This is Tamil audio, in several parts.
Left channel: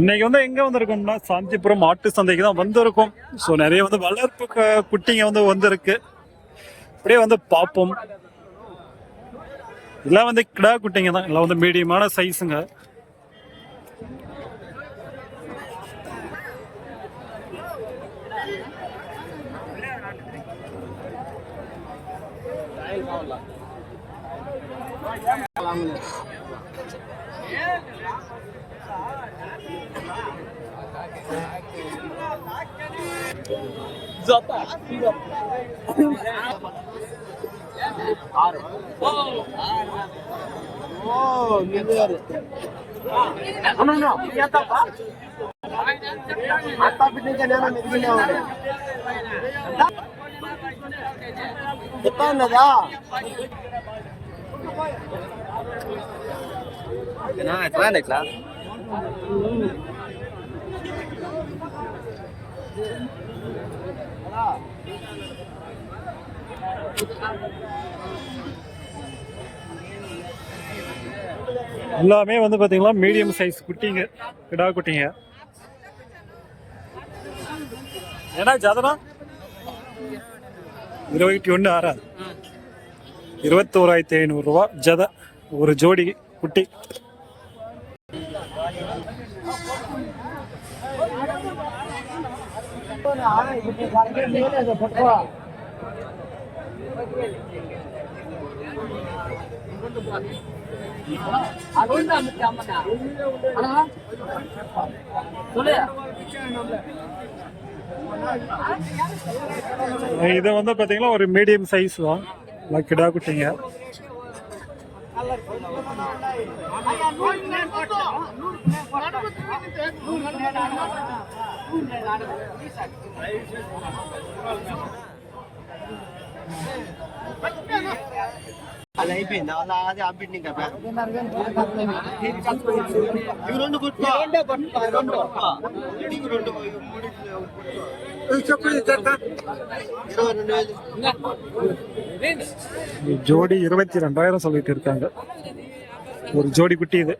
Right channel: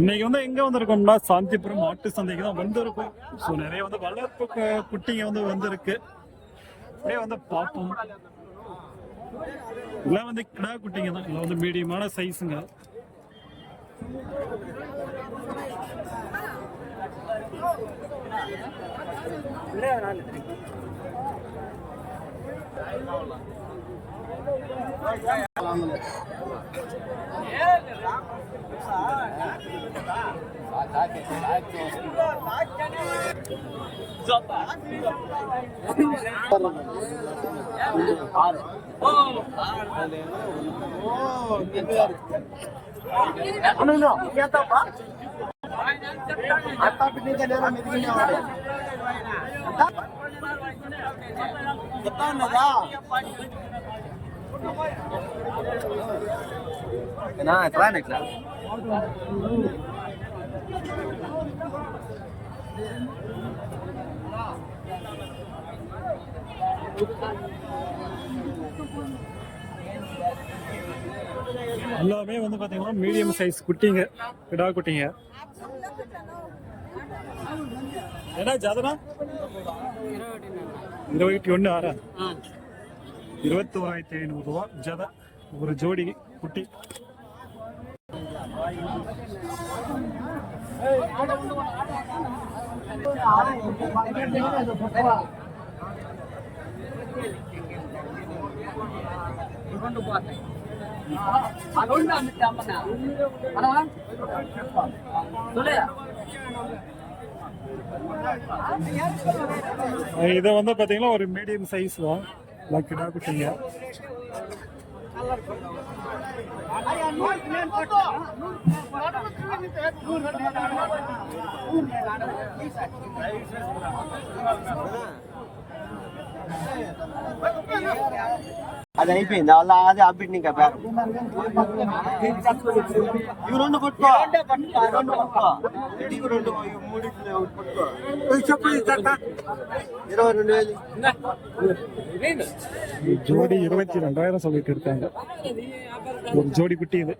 இன்னைக்கு வந்து எங்க வந்திருக்கோம்னா சாந்திபுரம் மாட்டு சந்தைக்கு தான் வந்திருக்கோம். ஸோ நிறைய வந்து வளர்ப்பு குட்டிங்க வந்து வந்திருக்கு. அப்படியே வந்து பார்ப்போம். இதெல்லாம் வந்து கிடா குட்டிங்க தான். எல்லாம் வந்து மீடியமான சைஸுங்க ఎట్లా అండి ఇట్లా எல்லாமே வந்து பாத்தீங்கன்னா மீடியம் சைஸ் குட்டிங்க கிடா குட்டிங்க. ஏன்னா ஜாதனா இருபத்தி ஒன்று ஆறா? இருபத்தோராயிரத்தி ஐநூறுரூவா ஜத ஒரு ஜோடி குட்டி. இது வந்து பாத்தீங்கன்னா ஒரு மீடியம் சைஸ் தான். கிடா குட்டிங்க. అది అయిపోయింది అలా అదే అప్డేట్ ఇంకా ఇవి రెండు పట్టుకో ఇవి రెండు పట్టుకో ఇవి రెండు ఇవి మూడు చెప్పు ఇరవై రెండు వేలు ஜோடி இருபத்தி ரெண்டாயிரம் சொல்லிட்டு இருக்காங்க ஒரு ஜோடி குட்டி இது.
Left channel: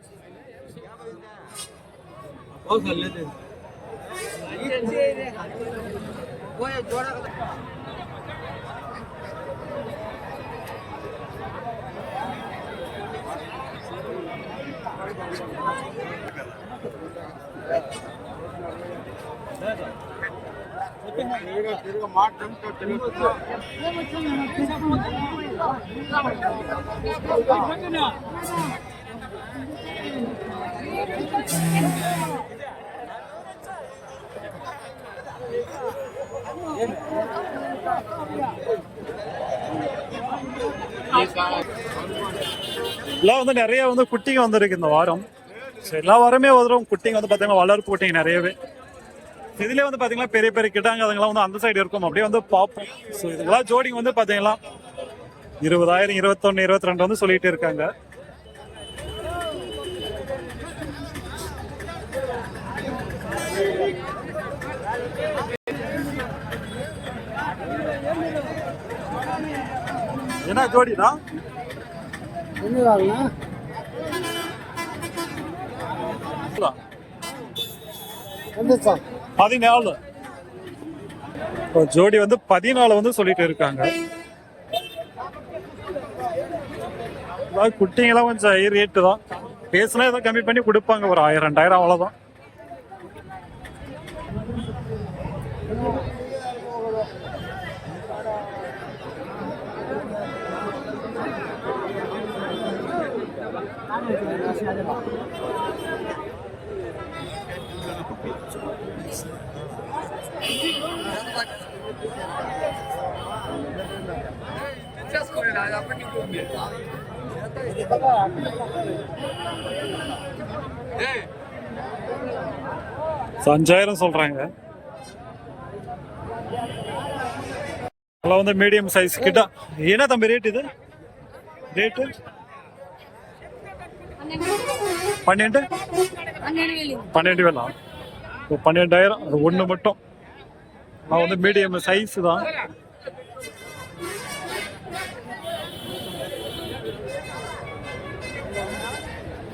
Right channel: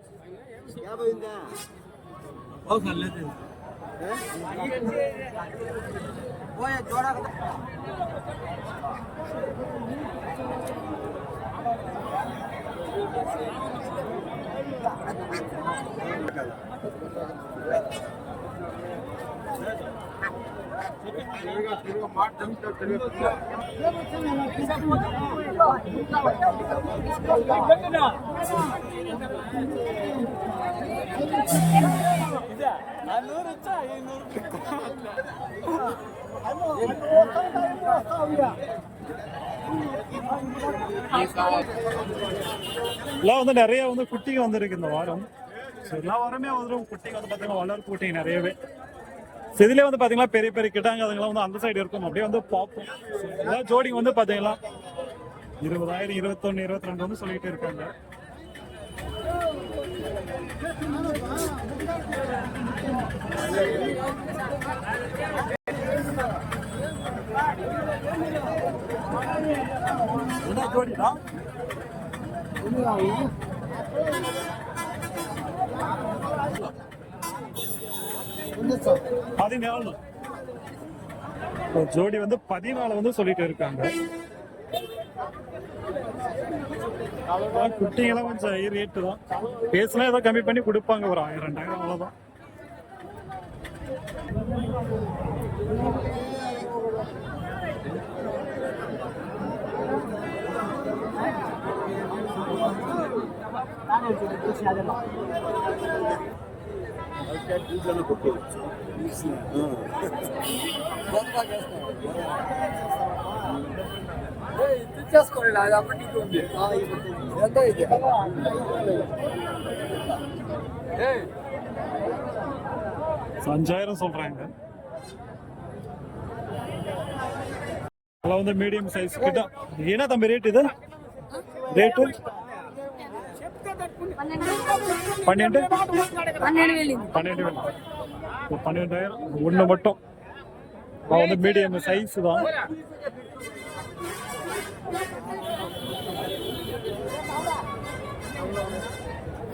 எல்லாம் வந்து நிறைய வந்து குட்டிங்க வந்திருக்கு இந்த வாரம். ஸோ எல்லா வாரமே வரும் குட்டிங்க வந்து பார்த்தீங்கன்னா வளர்ப்பு குட்டிங்க நிறையவே. ஸோ இதுலேயே வந்து பார்த்தீங்கன்னா பெரிய பெரிய கிட்டாங்க அதுங்களாம் வந்து அந்த சைடு இருக்கும். அப்படியே வந்து பார்ப்போம் ஸோ இதெல்லாம் ஜோடிங்க வந்து பார்த்தீங்கன்னா இருபதாயிரம் இருபத்தொன்னு இருபத்தி ரெண்டு வந்து சொல்லிட்டு இருக்காங்க. என்ன ஜோடினா பதினாலு ஜோடி வந்து பதினாலு வந்து சொல்லிட்டு இருக்காங்க. அதான் குட்டிங்கெல்லாம் கொஞ்சம் ஹை ரேட்டு தான். பேசினா ஏதோ கம்மி பண்ணி கொடுப்பாங்க ஒரு ஆயிரம் ரெண்டாயிரம் அவ்வளோதான் அஞ்சாயிரம் சொல்றாங்க. அதெல்லாம் வந்து மீடியம் சைஸ் கிட்ட. என்ன தம்பி ரேட் இது? ரேட்டு பன்னெண்டு పన్నెండు వేలు பன்னெண்டு வேணா இப்போ பன்னெண்டாயிரம் அது ஒன்று மட்டும் நான் வந்து மீடியம் சைஸ் தான்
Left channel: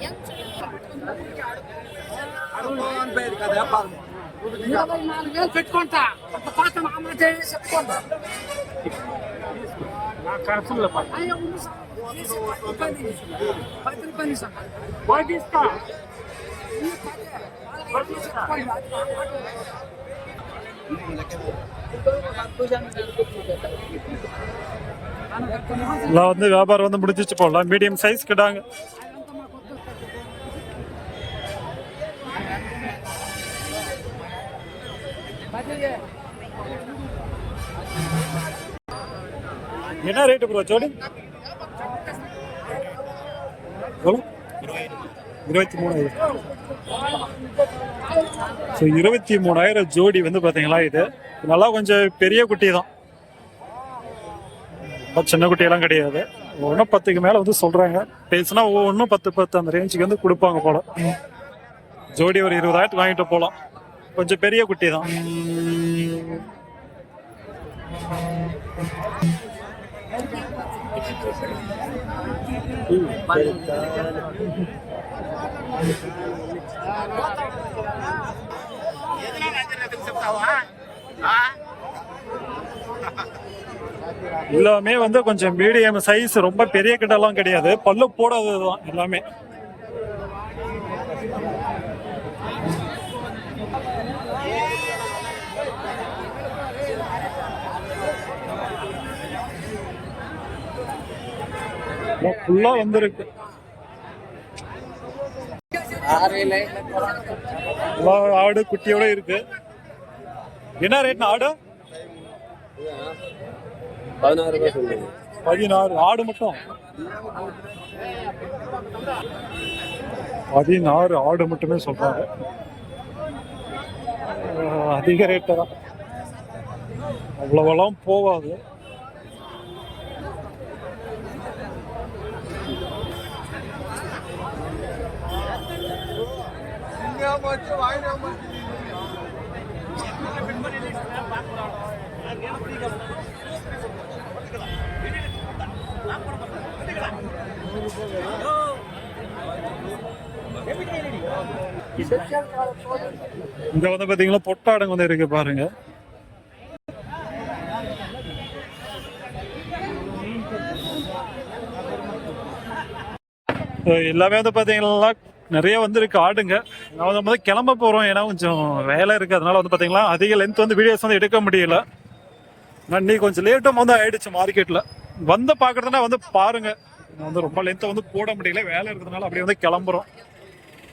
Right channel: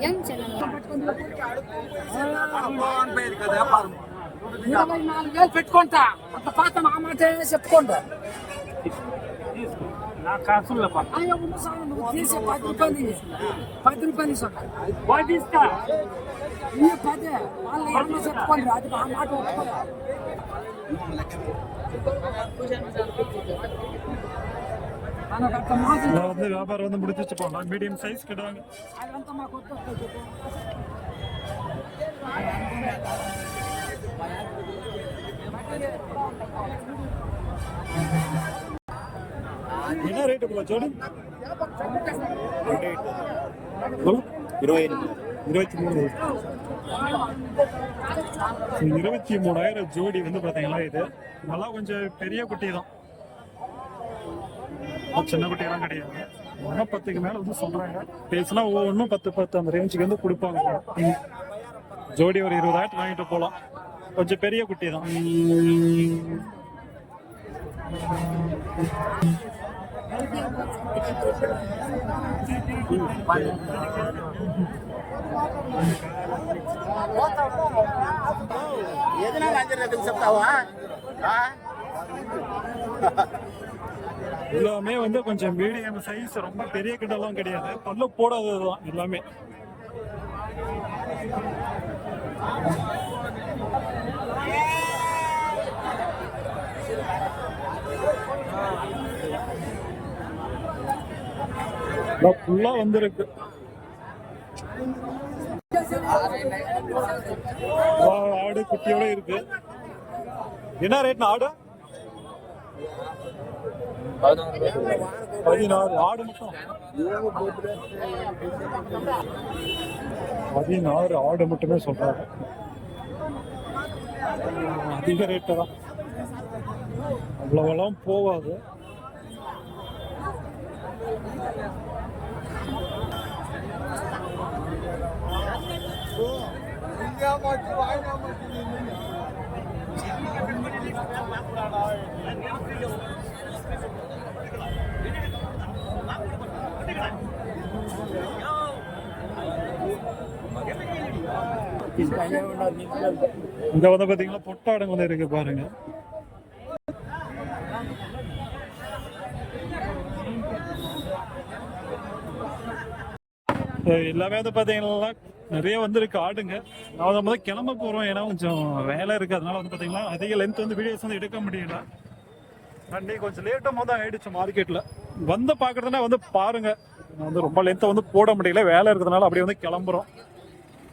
ఎంత ఇరవై నాలుగు వేలు పెట్టుకుంటా అంత పాత మా మాట చెప్పుకుంటా అయ్యో, ఉన్న సార్, తీసి పది రూపాయలు పది రూపాయలు ఇస్తాం. ఈ పదే, వాళ్ళ ఇంట్లో చెప్పుకోండి, అది మా మాట ఒప్పుకోండి. మనకు అంత మాట ఇలా வந்து வியாபாரம் வந்து முடிஞ்சிச்சு போடலாம் மீடியம் சைஸ் கிடாங்க అదంతా మాకు వద్దు. என்ன ரேட்டு ப்ரோ ஜோடி? இருபத்தி மூணாயிரம் ஸோ இருபத்தி மூணாயிரம் ஜோடி வந்து பார்த்தீங்களா இது? நல்லா கொஞ்சம் பெரிய குட்டி தான். சின்ன குட்டியெல்லாம் கிடையாது. ஒன்றும் பத்துக்கு மேலே வந்து சொல்கிறாங்க பேசுனா ஒவ்வொன்றும் பத்து பத்து அந்த ரேஞ்சுக்கு வந்து கொடுப்பாங்க போல. ஜோடி ஒரு இருபதாயிரத்துக்கு வாங்கிட்டு போகலாம் கொஞ்சம் பெரிய குட்டி தான். எல்லாமே வந்து கொஞ்சம் மீடியம் சைஸ் ரொம்ப பெரிய கிட்டலாம் கிடையாது. பல்லு போடாதது தான் எல்லாமே. ஃபுல்லா வந்திருக்கு. ஆடு குட்டியோட இருக்கு. என்ன ரேட்னா ஆடு? பதினாறு. ஆடு மட்டும்? பதினாறு ஆடு மட்டுமே சொல்றாங்க. அதிக ரேட்டு தான். அவ்வளவெல்லாம் போகாது. இங்க வந்து பாத்தீங்கன்னா பொட்டாடுங்க வந்து இருக்கு பாருங்க. எல்லாமே வந்து பாத்தீங்கன்னா நிறைய வந்திருக்கு ஆடுங்க. நான் வந்து முதல்ல கிளம்ப போகிறோம் ஏன்னா கொஞ்சம் வேலை இருக்குது அதனால வந்து பார்த்தீங்கன்னா அதிக லென்த் வந்து வீடியோஸ் வந்து எடுக்க முடியல. நான் இன்னைக்கு கொஞ்சம் லேட்டும் வந்து ஆயிடுச்சு மார்க்கெட்டில் வந்து பார்க்குறதுனா வந்து பாருங்க. நான் வந்து ரொம்ப லென்த்தை வந்து போட முடியல. வேலை இருக்கிறதுனால அப்படியே வந்து கிளம்புறோம்.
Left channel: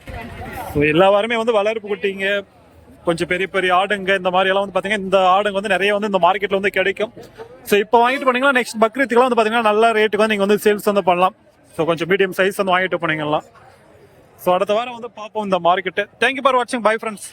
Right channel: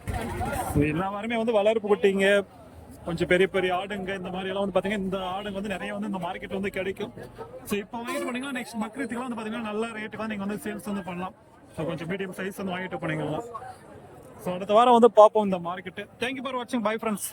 எல்லாருமே எல்லா வாரமே வந்து வளர்ப்பு குட்டிங்க. கொஞ்சம் பெரிய பெரிய ஆடுங்க. இந்த மாதிரி எல்லாம் வந்து பார்த்தீங்கன்னா இந்த ஆடுங்க வந்து நிறைய வந்து இந்த மார்க்கெட்டில் வந்து கிடைக்கும். ஸோ இப்போ வாங்கிட்டு போனீங்கன்னா நெக்ஸ்ட் பக்ரீத்துக்குலாம் வந்து பார்த்தீங்கன்னா நல்ல ரேட்டுக்கு வந்து நீங்கள் வந்து சேல்ஸ் வந்து பண்ணலாம். ஸோ கொஞ்சம் மீடியம் சைஸ் வந்து வாங்கிட்டு போனீங்கன்னா ஸோ அடுத்த வாரம் வந்து பார்ப்போம் இந்த மார்க்கெட்டு தேங்க்யூ ஃபார் வாட்சிங் பை ஃப்ரெண்ட்ஸ்